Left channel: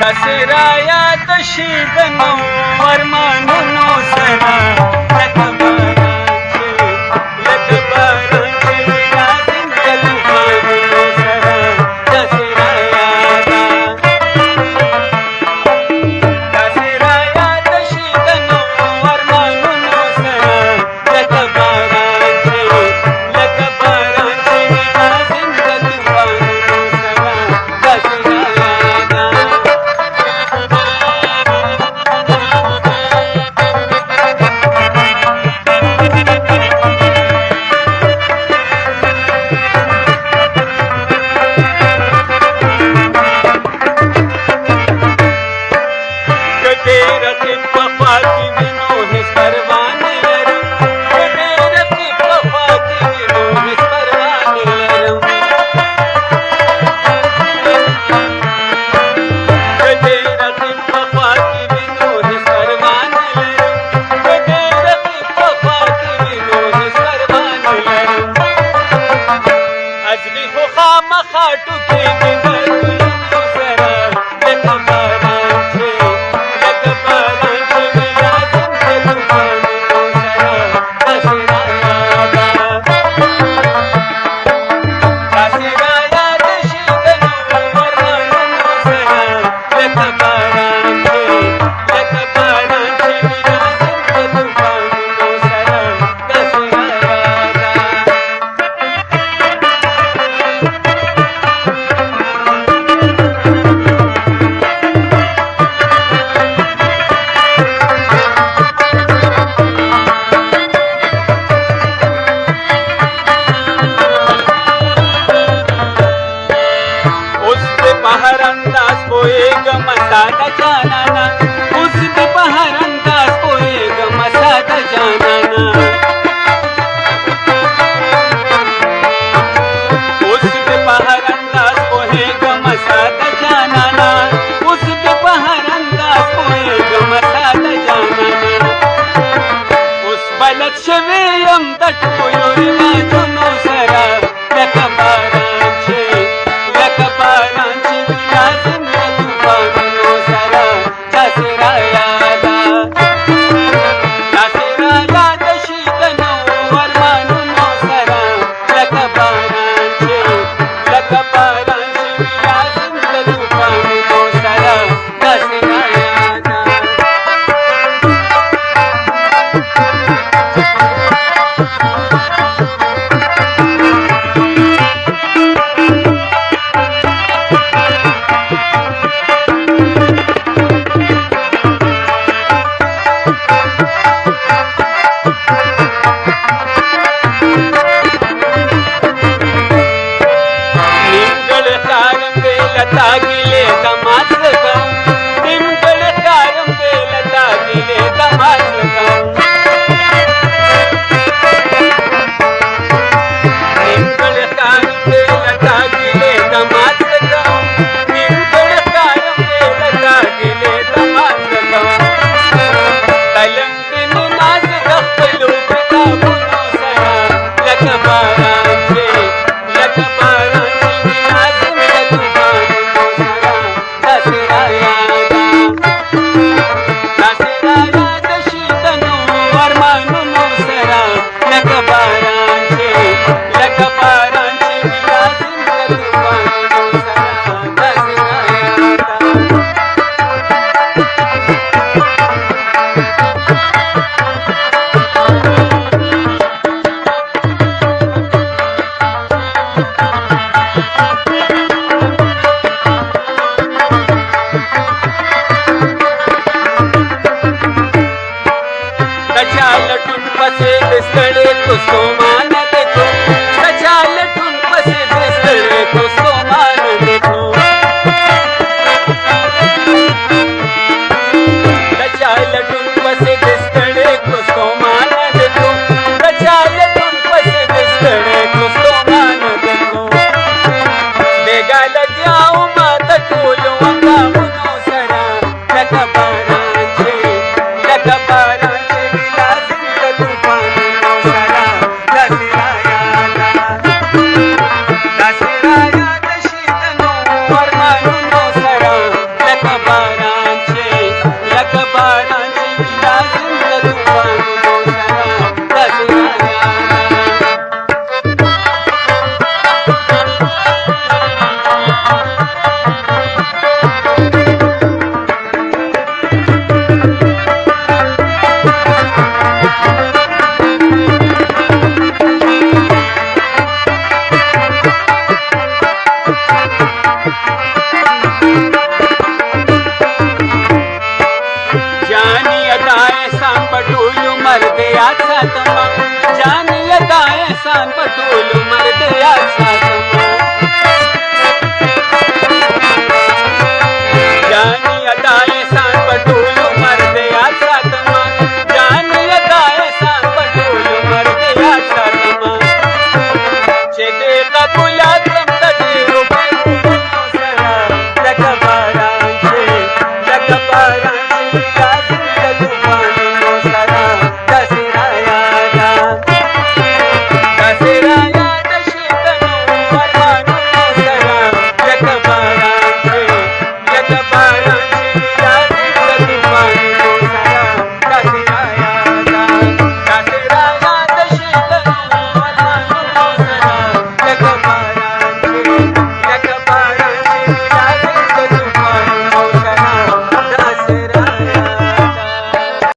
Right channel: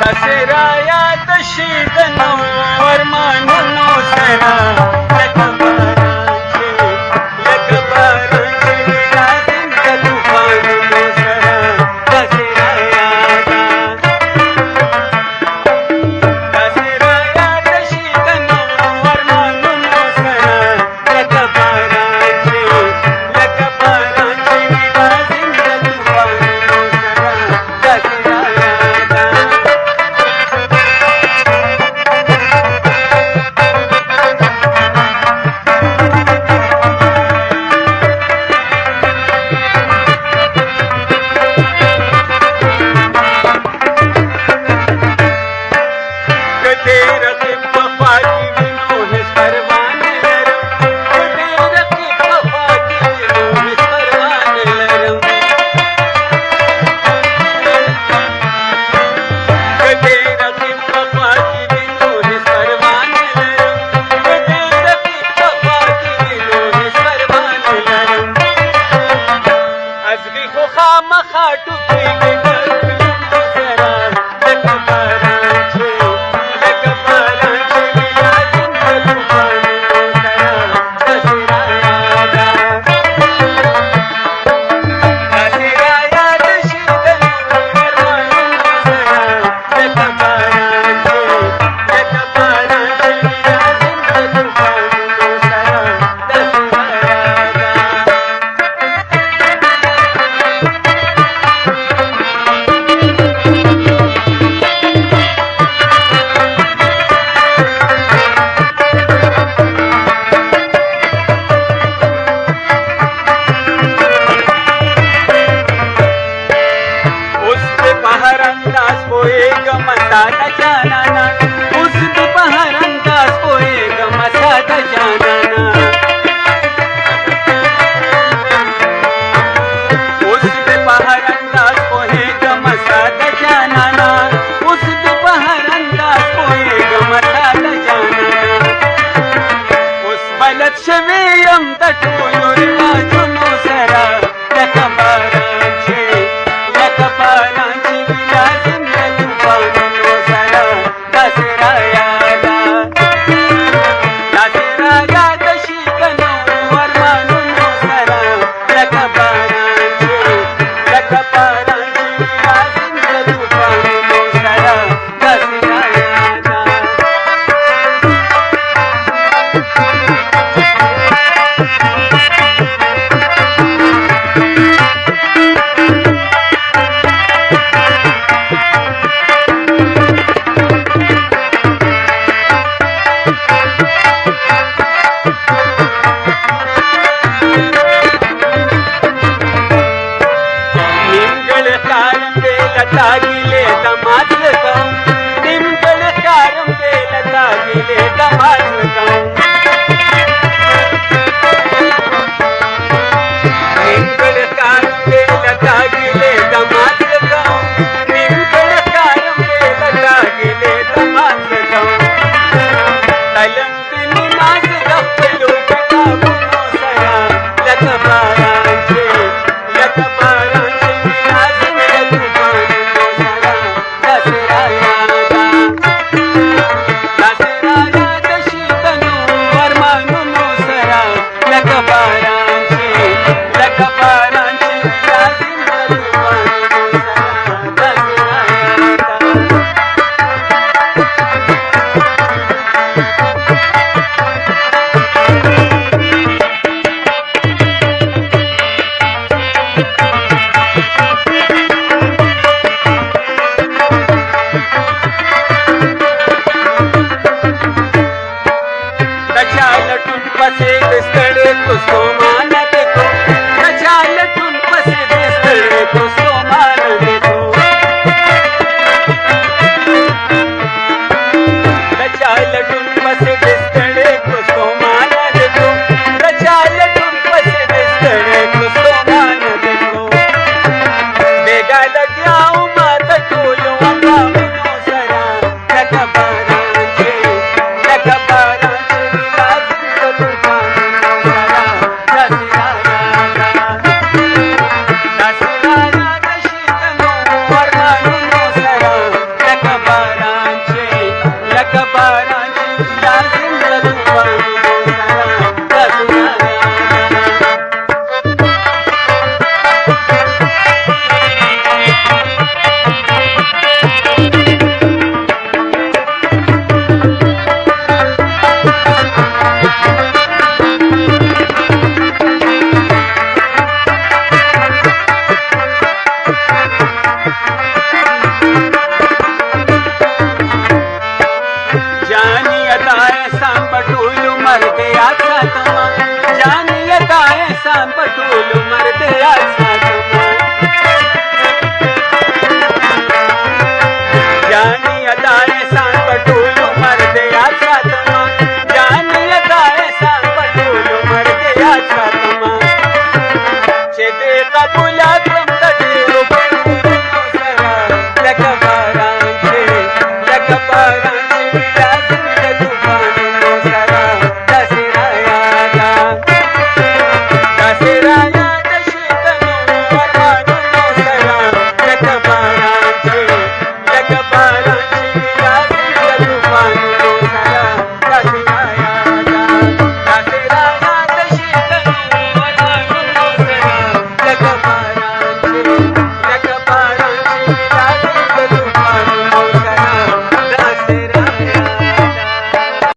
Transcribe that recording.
دسرایا دشیدنو ورمانونو سرا لکباران چه ویرازن کلوفانونو سرا دسرایا دسرایا دشیدنو ورمانونو سرا لکباران چه ویرازن کلوفانونو سرا دسرایا خاطو کې د ګلونو سره لکباران چې ویرازن کلوفانونو سره دسرایا دسرایا دشیدنو ورمانونو سره لکباران چې ویرازن کلوفانونو سره دسرایا अंदाज पोएगम सादा जानाना उस दोपहर अंदाज पोएगम सादा जानाना उस दोपहर अंदाज पोएगम सादा जानाना उस दोपहर अंदाज पोएगम सादा जानाना उस बलद शवेयम द टोलो रिवाजुनो सरा लकबारां छे विराजन कलुफानुनो सरा दसराया दशीदनो वरमानुनो सरा लकबारां छे विराजन कलुफानुनो सरा दसराया तागिले दमाज लगाऊं निमगढ़ कारम बेल तागिले दमाज लगाऊं निमगढ़ कारम बेल तागिले दमाज लगाऊं निमगढ़ कारम बेल तागिले दमाज लगाऊं तलम दिन नाज गखलो किताबुनो सरा लकबारां छे विराजन कलुफानुनो सरा दसराया दशीदनो वरमानुनो सरा लकबारां छे विराजन कलुफानुनो सरा दसराया लटुन पसे बिस्तड़े को सोमान देखो लटुन पसे बिस्तड़े को सोमान देखो लटुन पसे बिस्तड़े को सोमान देखो लटुन पसे बिस्तड़े को सोमान देखो बेगा लग जाऊं माता टोलो अंदामुनो सरा लकबारां छे Bye. दासिंद तूफान गोसरा दसनायाना जानी अदाए सान पटोलू मरदे आसातमा जानी अदाए सान पटोलू मरदे आसातमा जानी अदाए सान पटोलू मरदे आसातमा जानी अदाए सान पटोलू मरदे आसातमा चेते कबूला तुम तटे रुपे मुरनो सरा तकबार